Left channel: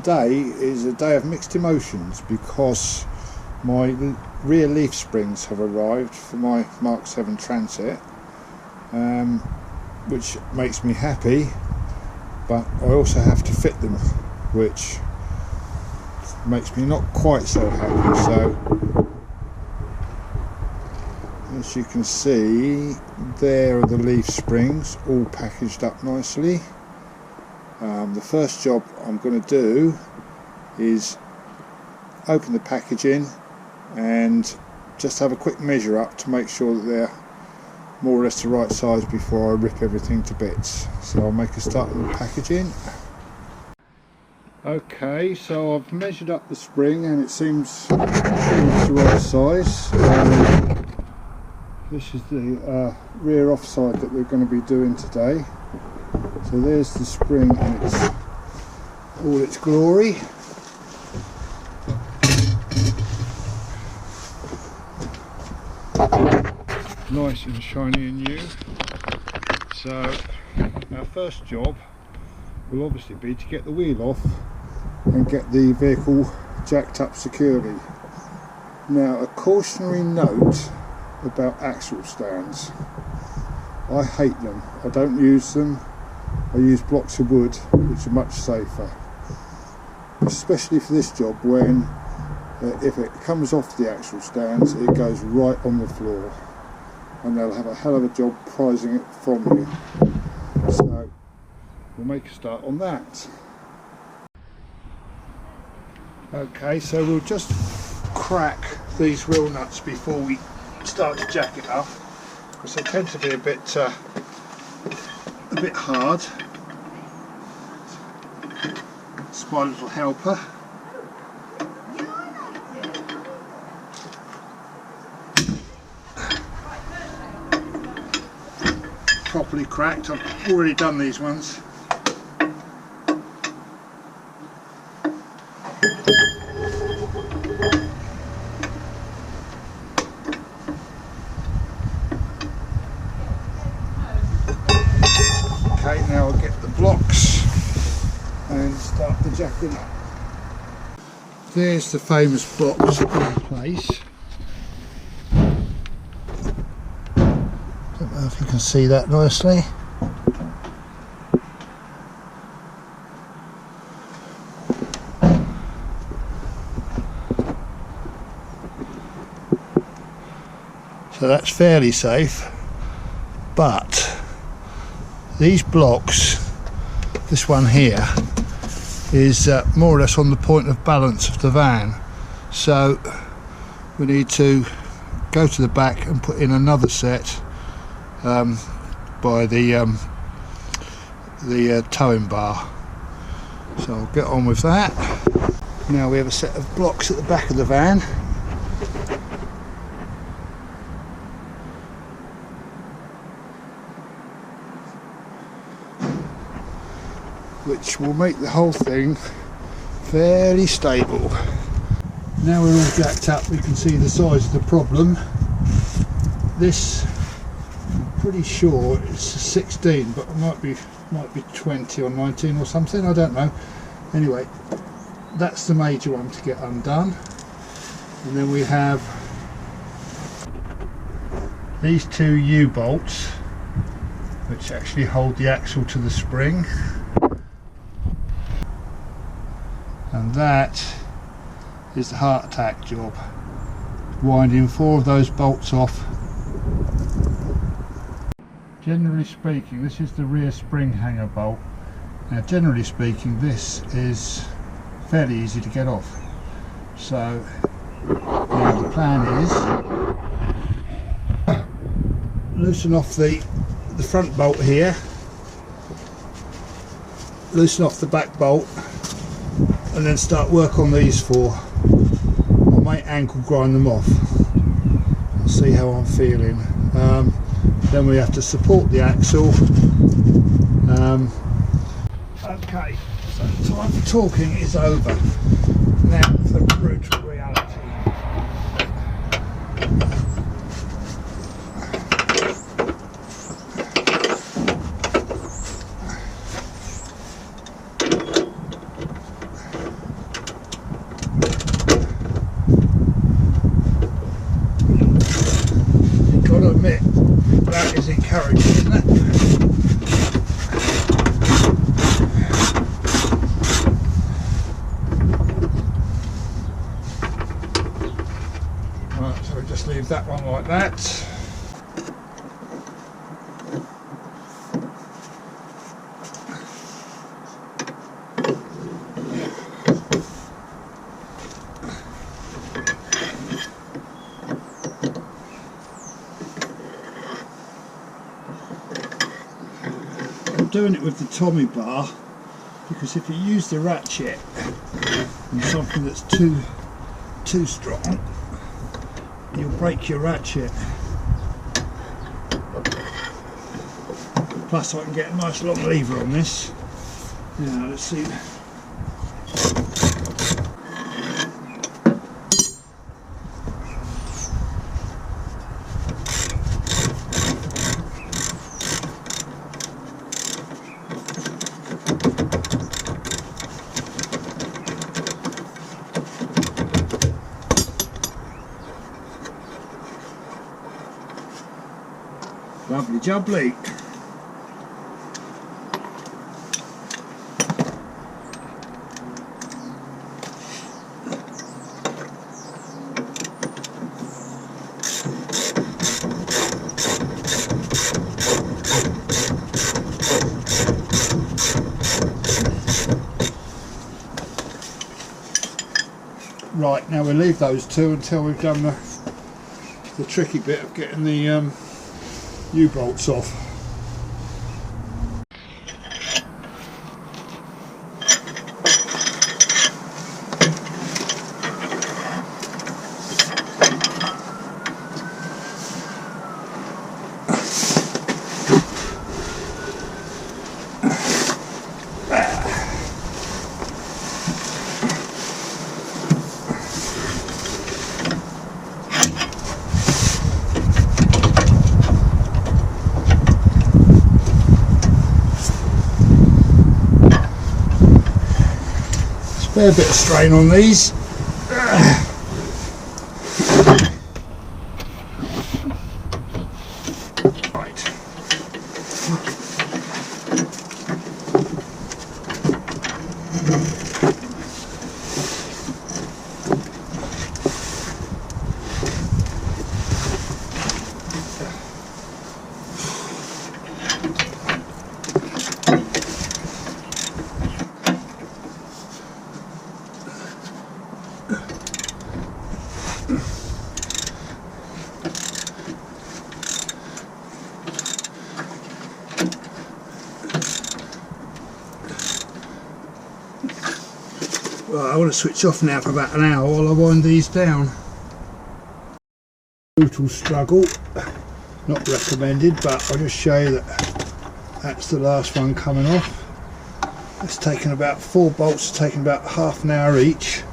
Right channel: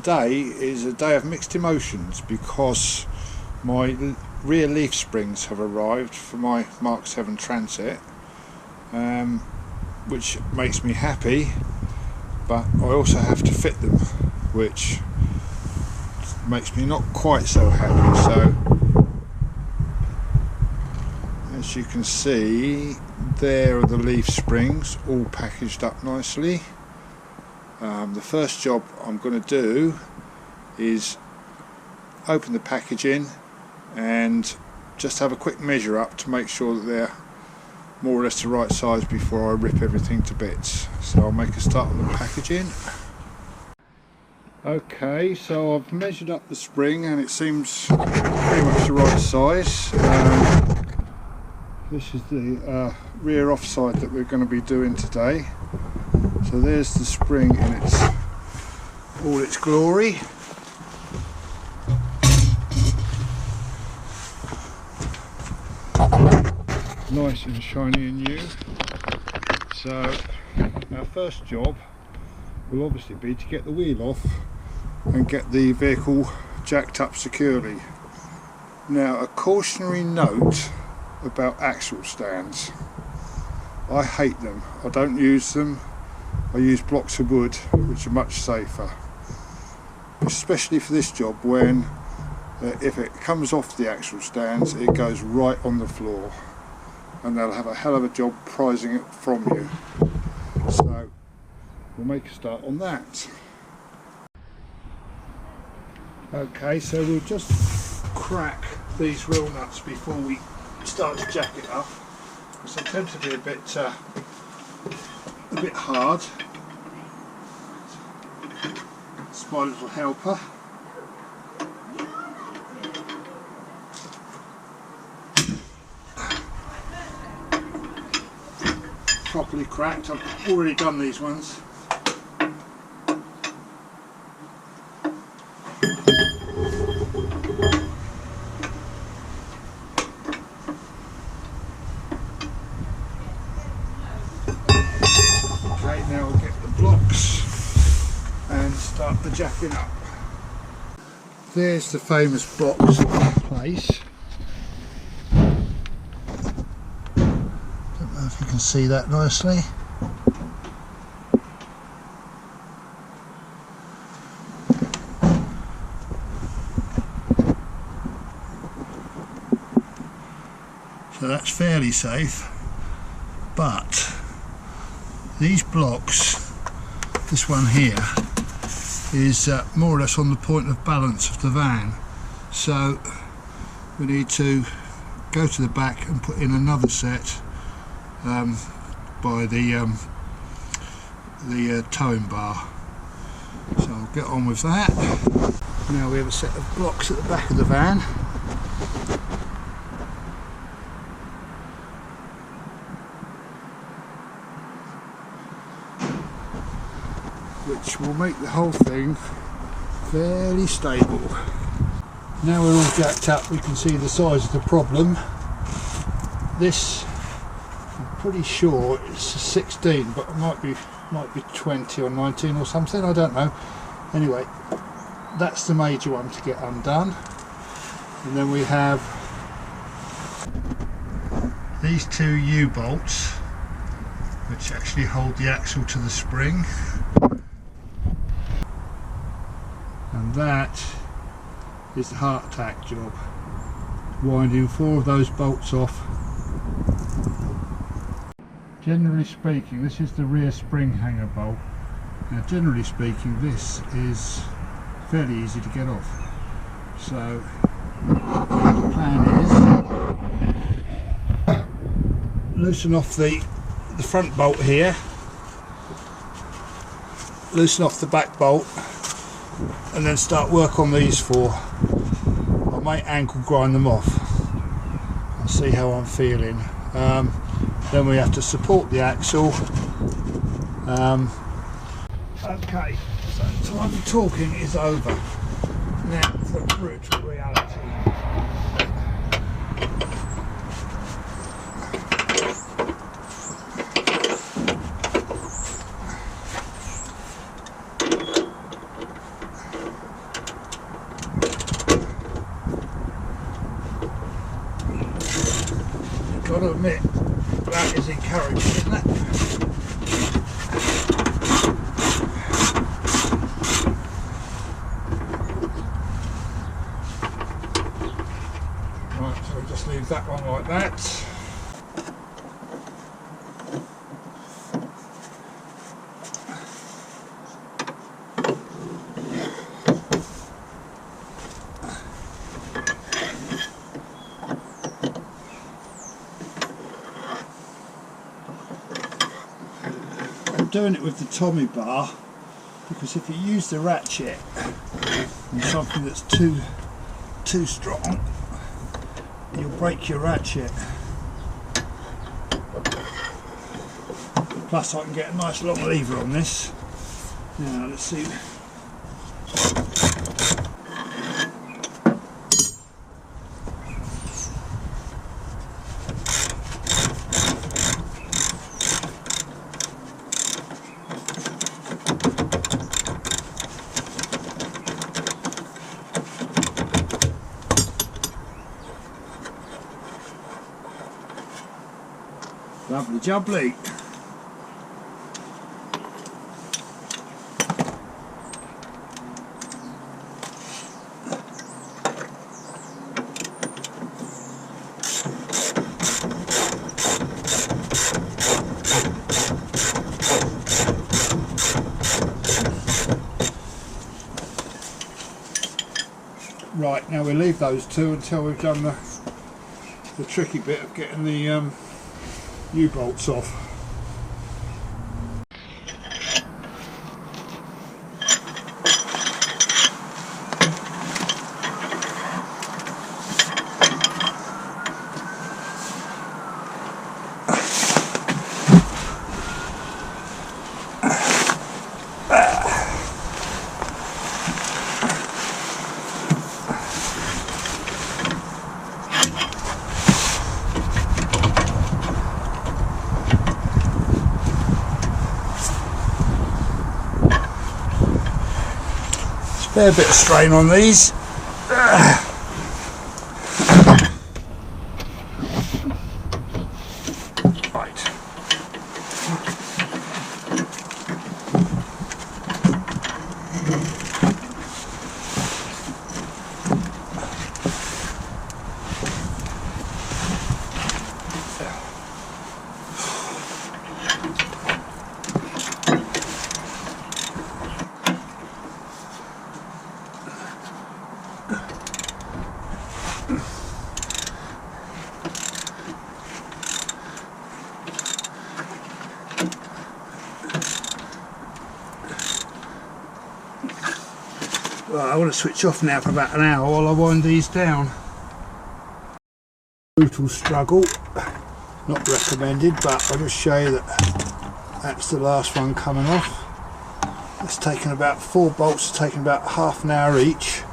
today is a day of mixed emotions because my rear leaf springs have arrived for my Mark 7 Transit, which makes me happy, but I also have to fit them, which makes me not quite so happy. So as you can see, there are the leaf springs all packaged up nicely. The first job I'm going to do is open the packaging and just have a quick measure up to make sure that they're more or less the right size before I rip everything to bits. So I'll make a start on the packaging. Okay, so I've measured up the spring and it seems pretty much the right size. This is the rear offside that we're going to be doing today. So there's the spring in all its glory. Nice and shiny and new. So our first job will obviously be to get the wheel off and get the vehicle jacked up securely. Now, a cautionary note about axle stands. I hate them. I don't use them. I use blocks of wood, which are much safer, especially for this job when if it comes off the axle stands it goes right on the floor and they'll have a hell of a job prizing it from you. So we'll make a start on that. Okay, so we'll just crack these wheel nuts before we start to jack it up, because they tend to be a bit hard. It's my little helper. Properly cracked. I've already done these ones. Okay, now I'll get the blocks and start the jacking up. There's the famous box in place. Don't know if you can see that nicely. So that's fairly safe, but these blocks, this one here, is more or less on the point of balance of the van, so we need to go to the back and put in another set by the towing bar. So I'll get on with that. Now we have a set of blocks at the back of the van. Which will make the whole thing fairly stable. Now we're all jacked up, we can see the size of the problem. This, I'm pretty sure it's a 16, but it might be 20 or 19 or something, I don't know. Anyway, that's the major one to get undone. And then we have these two U-bolts, which actually hold the axle to the spring. And that is the heart attack job. Winding 4 of those bolts off. Generally speaking, this is the rear spring hanger bolt. Now generally speaking, this is fairly easy to get off. So now the plan is loosen off the front bolt here, loosen off the back bolt, and then start work on these 4. I might ankle grind them off. I'll see how I'm feeling. Then we have to support the axle. Okay, so time for talking is over. Now the brutal reality. Got to admit, that is encouraging, isn't it? Right, so just leave that one like that. Doing it with the Tommy bar because if you use the ratchet on something that's too strong, you'll break your ratchet. Plus I can get a nice long lever on this. Now let's see. Lovely jubbly. Right, now we'll leave those two until we've done the tricky bit of getting the U-bolts off. A bit of strain on these. Right. Right, I want to switch off now for about an hour while I wind these down. Brutal struggle, not recommended, but I'll just show you that that's the last one coming off. It's taken about 4 bolts, taken about half an hour each,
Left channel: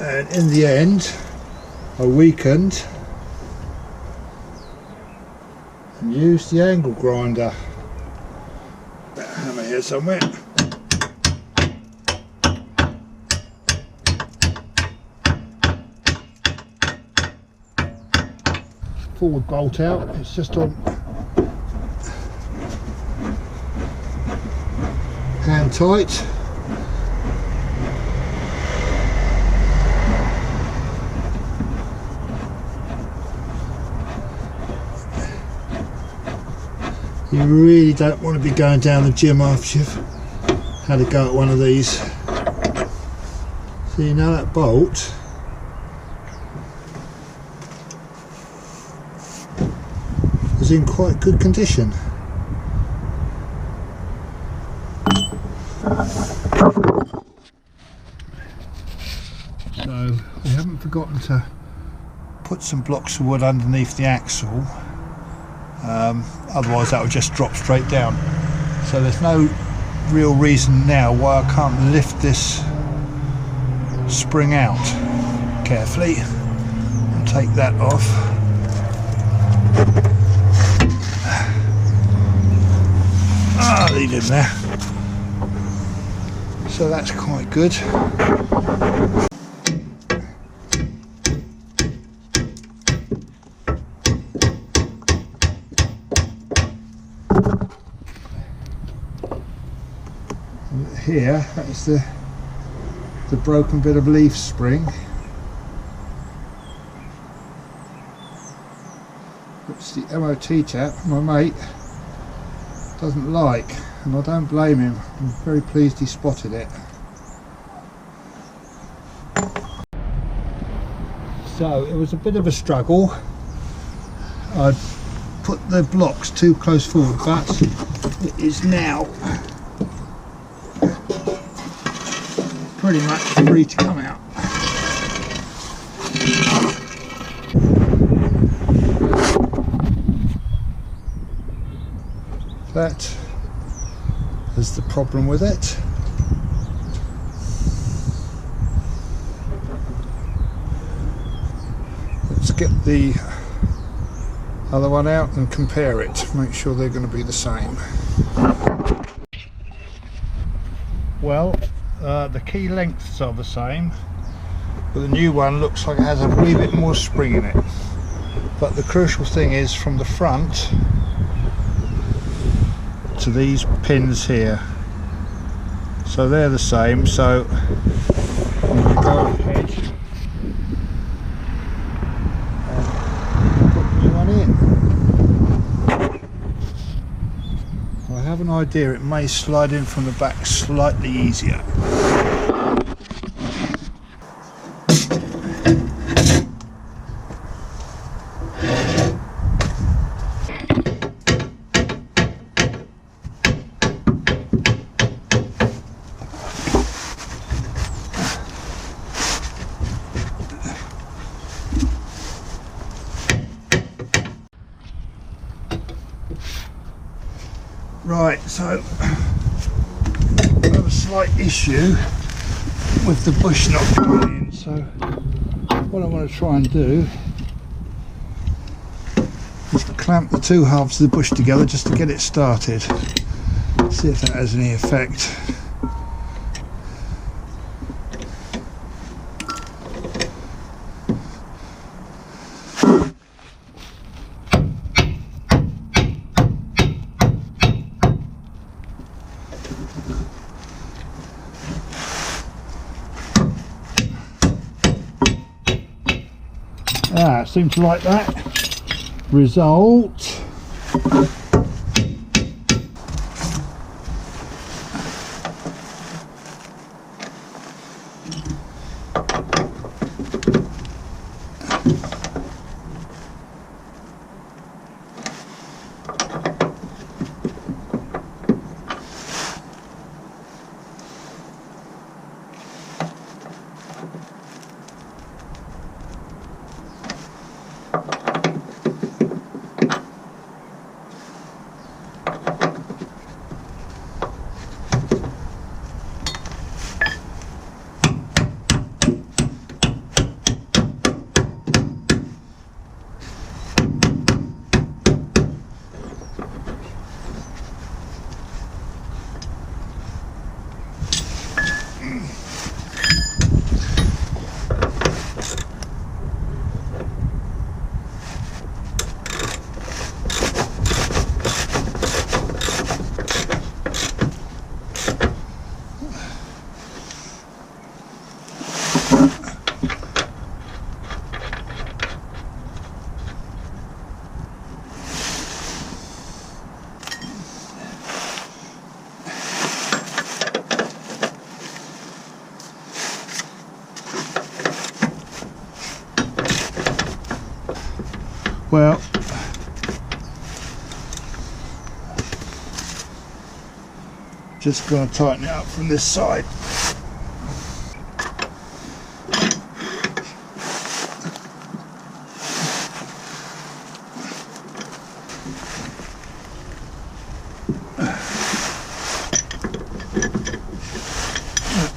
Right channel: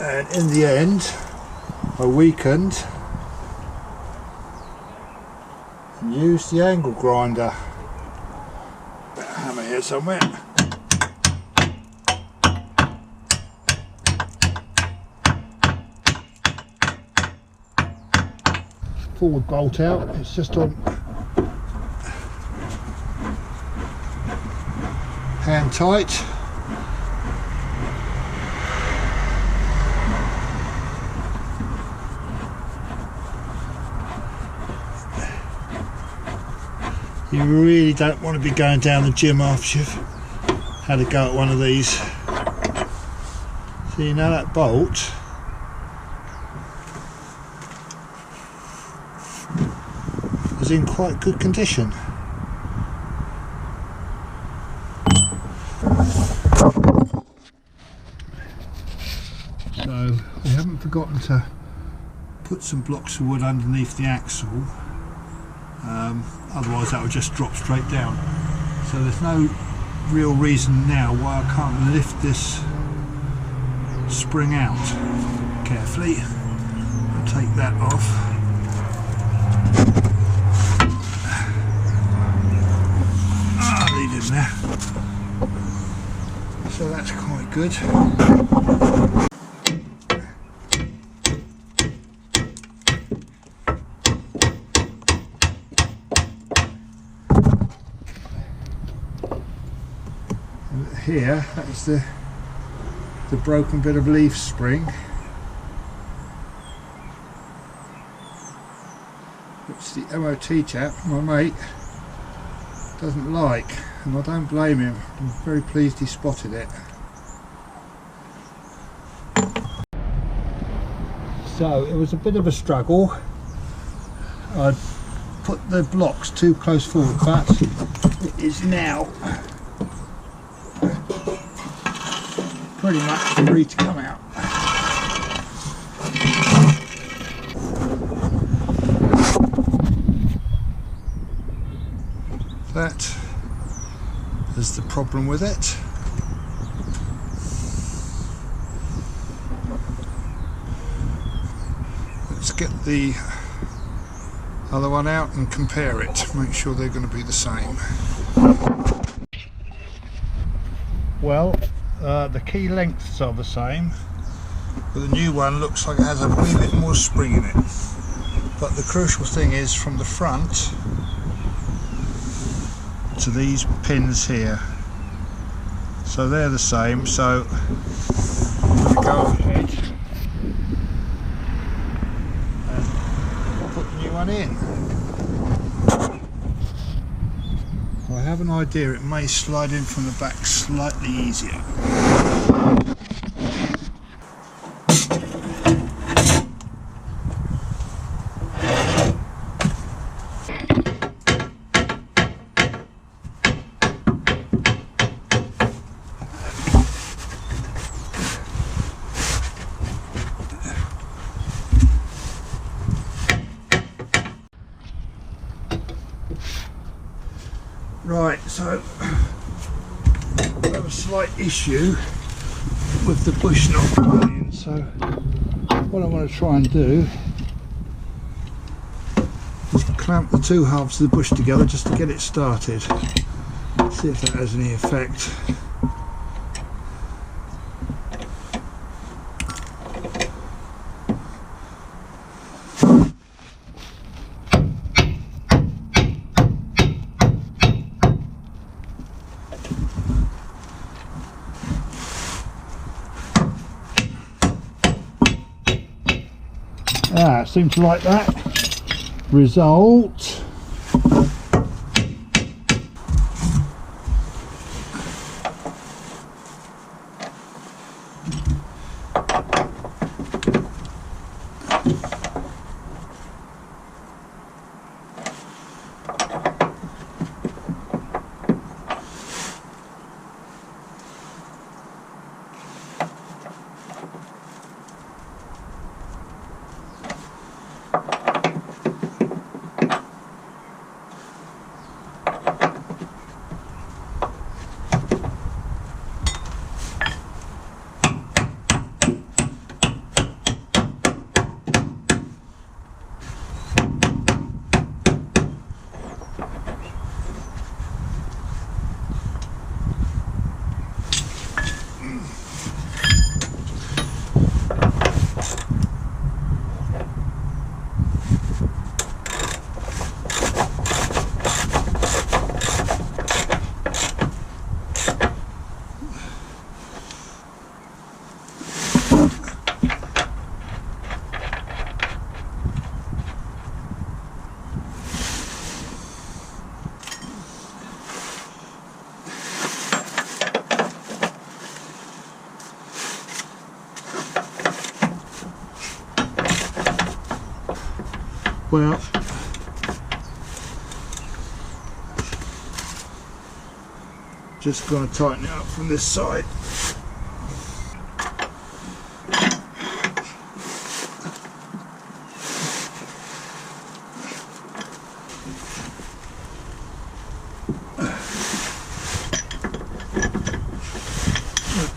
and in the end I weakened and used the angle grinder. Got a hammer here somewhere. Forward bolt out, it's just on hand tight. You really don't want to be going down the gym after you've had a go at one of these. So you know that bolt is in quite good condition. So we haven't forgotten to put some blocks of wood underneath the axle, otherwise that would just drop straight down. So there's no real reason now why I can't lift this spring out carefully and take that off. Leave him there. So that's quite good. here, that's the broken bit of leaf spring, which the MOT chap, my mate, doesn't like, and I don't blame him. I'm very pleased he spotted it. So it was a bit of a struggle. I put the blocks too close forward, but it is now pretty much free to come out. That is the problem with it. Let's get the other one out and compare it, make sure they're going to be the same. Well, the key lengths are the same, but the new one looks like it has a wee bit more spring in it. But the crucial thing is from the front to these pins here, so they're the same. So I'm going to go ahead and put the new one in. I have an idea it may slide in from the back slightly easier. Right, so I've got a slight issue with the bush not going in, so what I want to try and do is clamp the two halves of the bush together just to get it started. See if that has any effect. Seems to like that result. Well, just going to tighten it up from this side.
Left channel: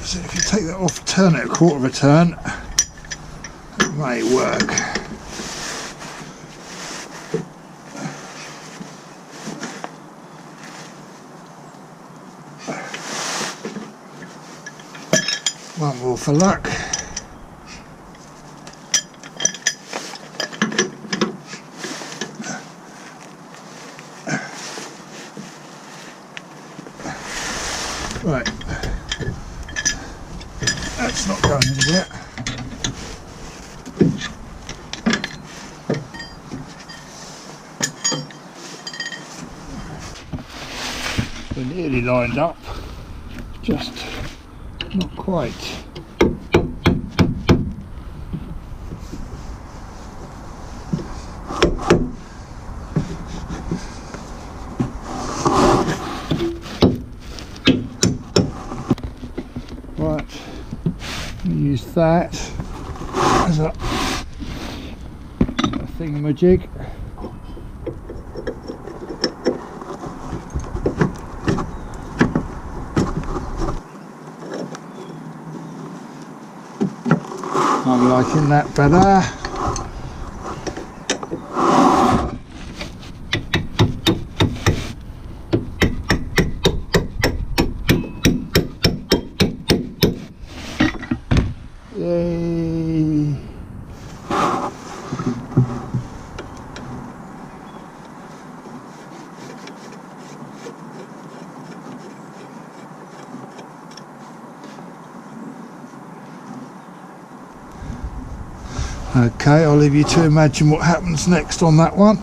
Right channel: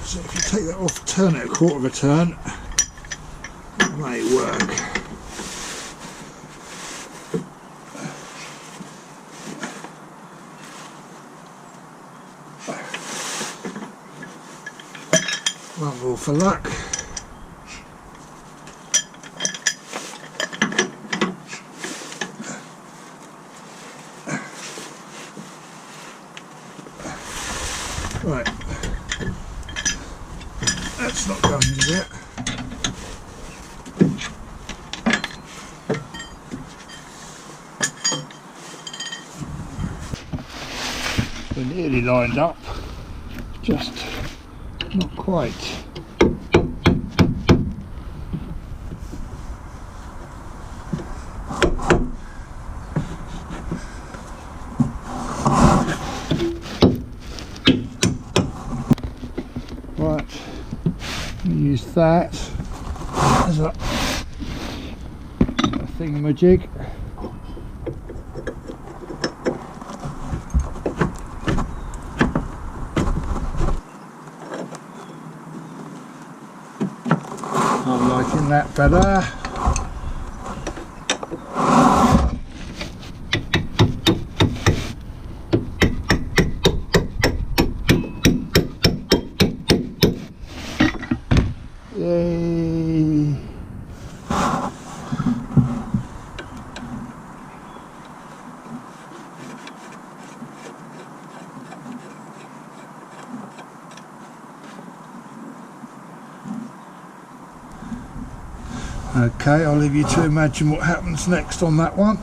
So if you take that off, turn it a quarter of a turn, it may work. One more for luck. Right. nearly lined up, just not quite. Right, use that as a thingamajig. I'm liking that better. Yay! Okay, I'll leave you to imagine what happens next on that one.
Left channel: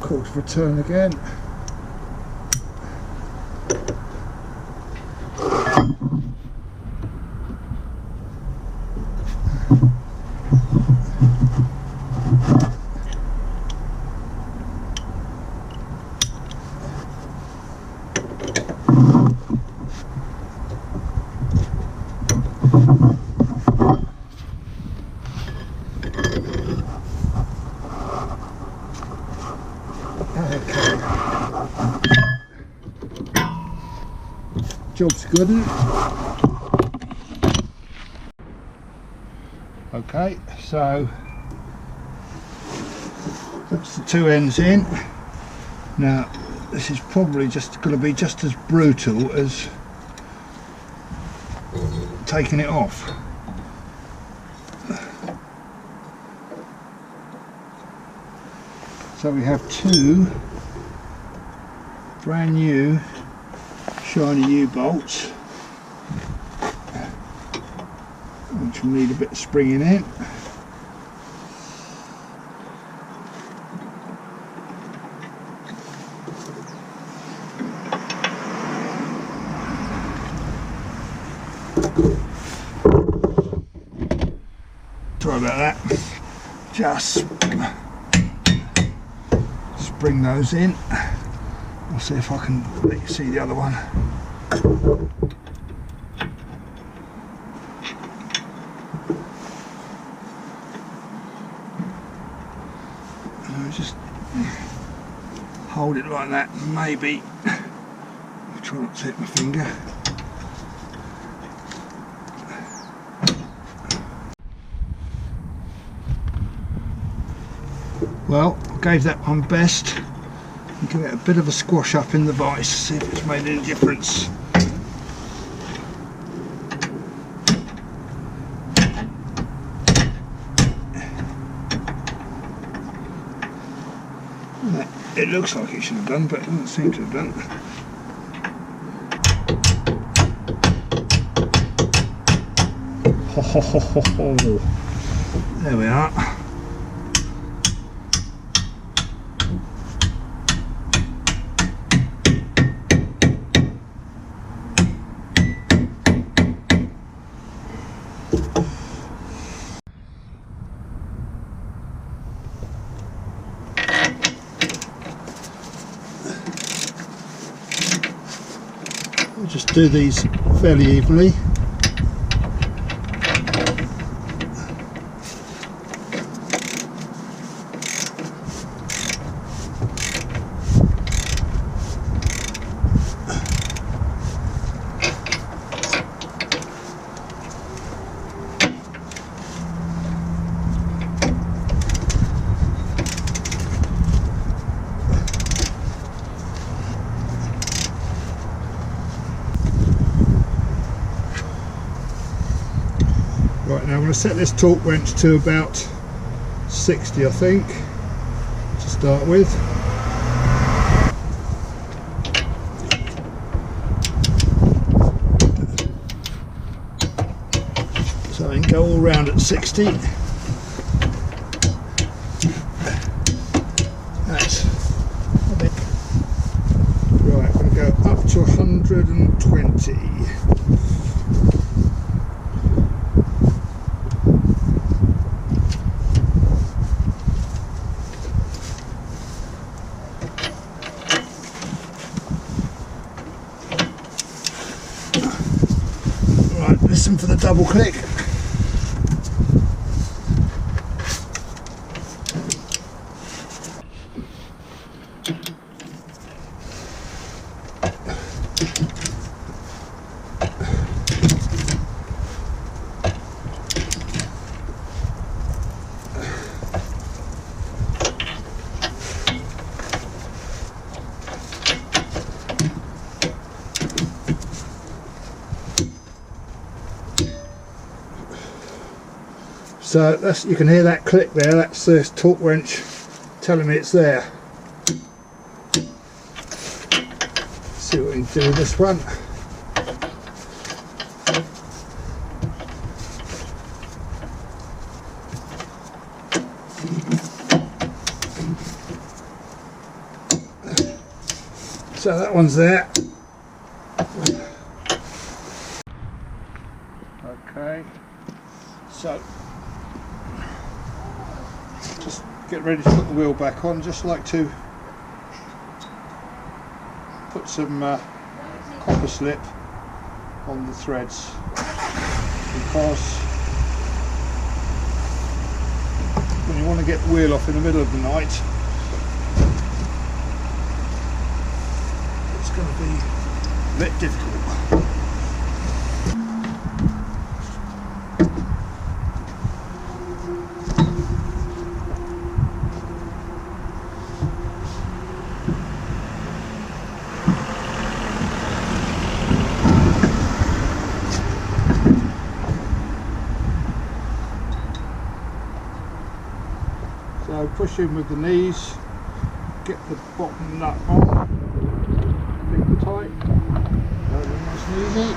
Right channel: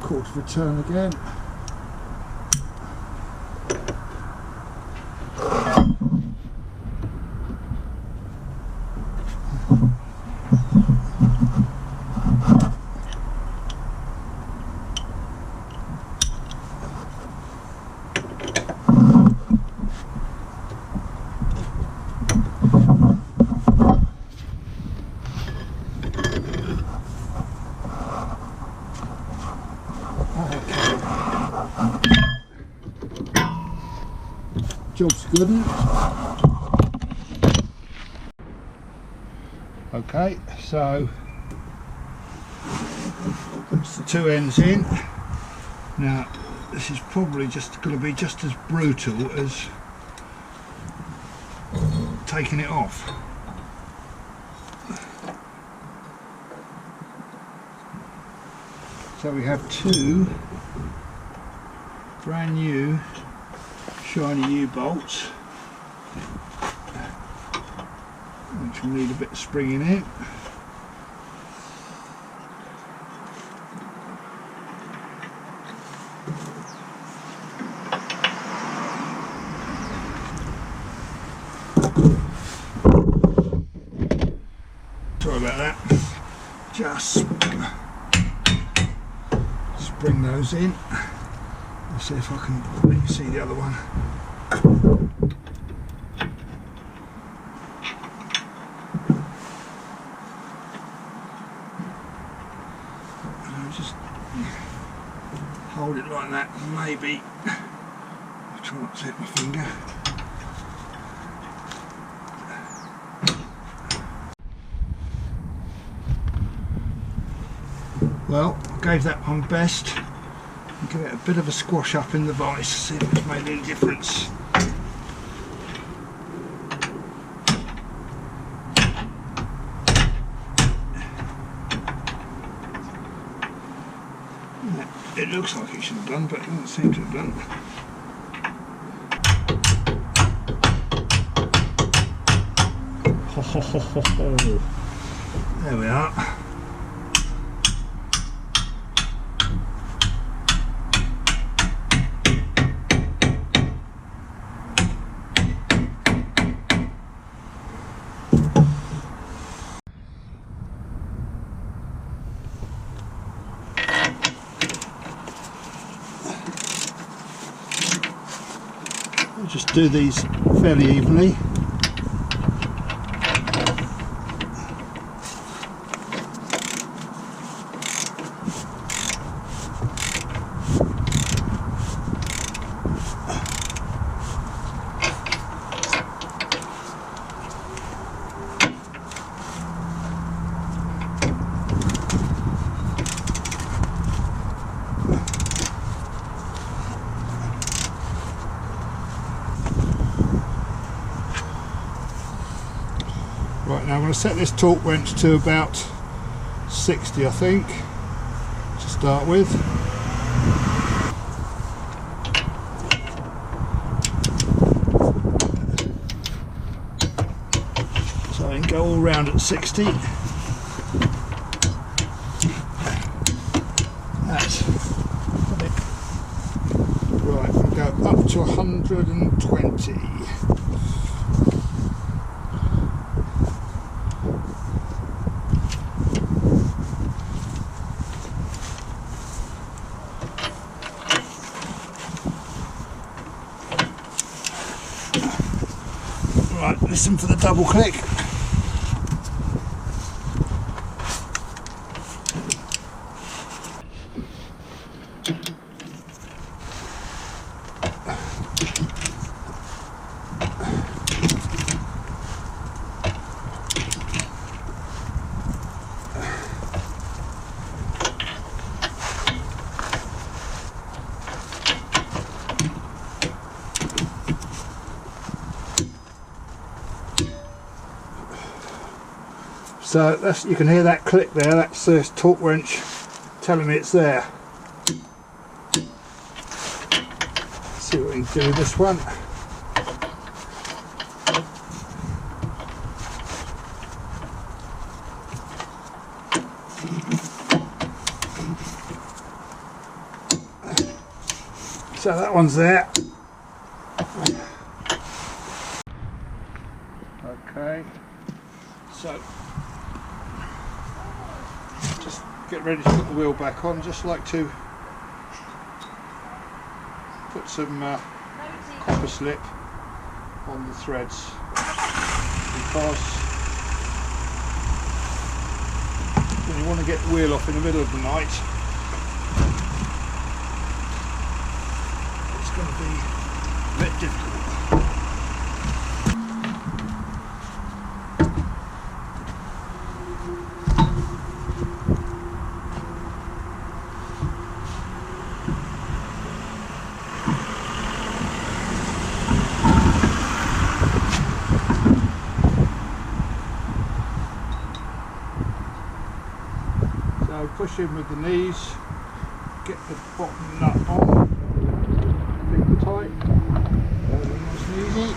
Quarter of a turn again. Okay. Job's good. Okay, so that's the two ends in. Now this is probably just going to be just as brutal as taking it off. So we have two brand new shiny U-bolts, which will need a bit of springing in. Sorry about that. Just bring those in. I'll see if I can let you see the other one. I'll just hold it like that. Maybe I'll try not to hit my finger. Well, I gave that one best. Give it a bit of a squash up in the vise, see if it's made any difference. It looks like it should have done, but it doesn't seem to have done. Ho ho ho ho ho. There we are. We'll just do these fairly evenly. Right, now I'm going to set this torque wrench to about 60, I think, to start with. So I can go all round at 60. That's a bit. Right, we're going to go up to 120. Right, listen for the double click. So that's, you can hear that click there, that's the torque wrench telling me it's there. Let's see what we can do with this one. So that one's there. Okay, so just get ready to put the wheel back on. Just like to put some copper slip on the threads, because when you want to get the wheel off in the middle of the night, it's going to be a bit difficult. So push in with the knees, get the bottom nut on, finger tight, nice and easy.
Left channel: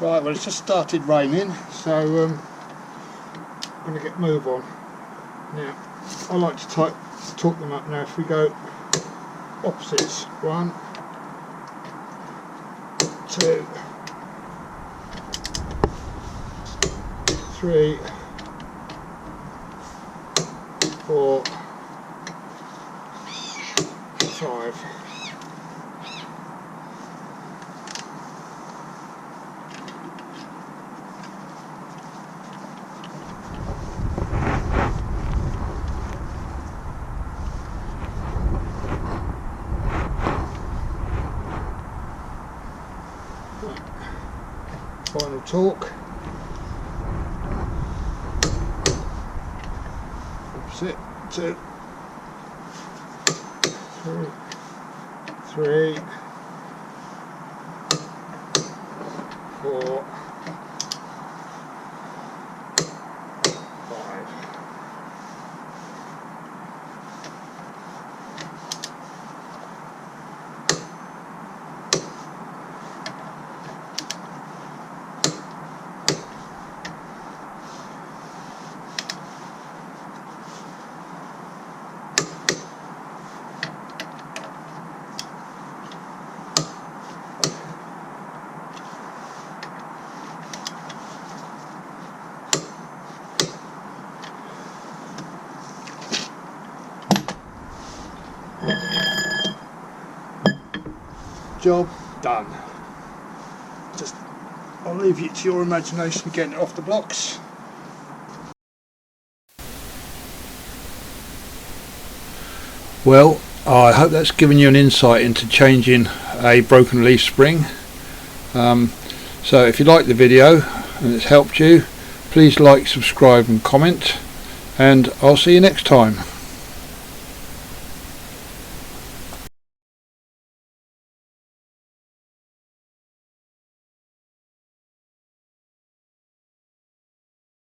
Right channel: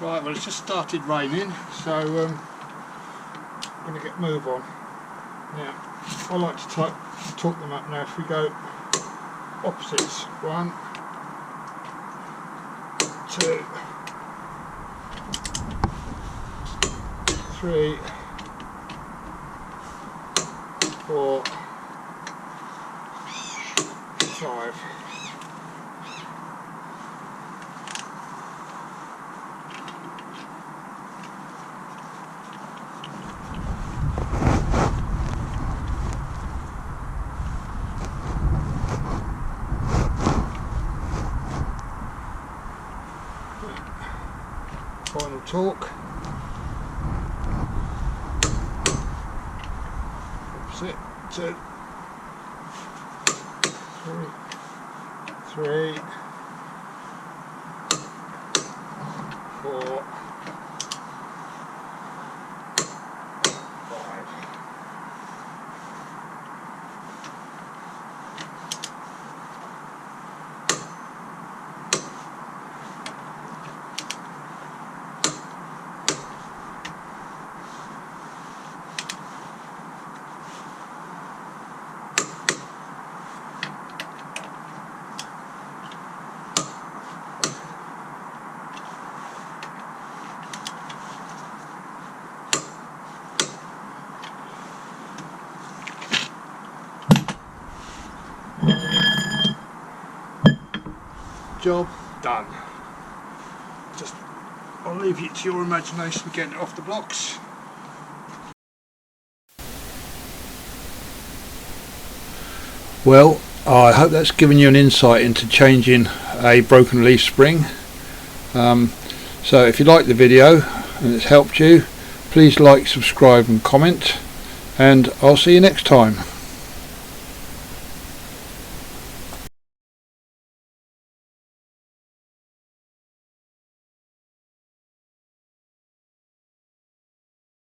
Right, well, it's just started raining, so I'm going to get move on. Now, I like to torque them up now. If we go opposites, 1, 2, 3, 4, 5. Final torque. Opposite. 2, 3, 4, 5. Job done. Just, I'll leave it to your imagination for getting it off the blocks. Well, I hope that's given you an insight into changing a broken leaf spring. So if you like the video, and it's helped you, please like, subscribe and comment, and I'll see you next time.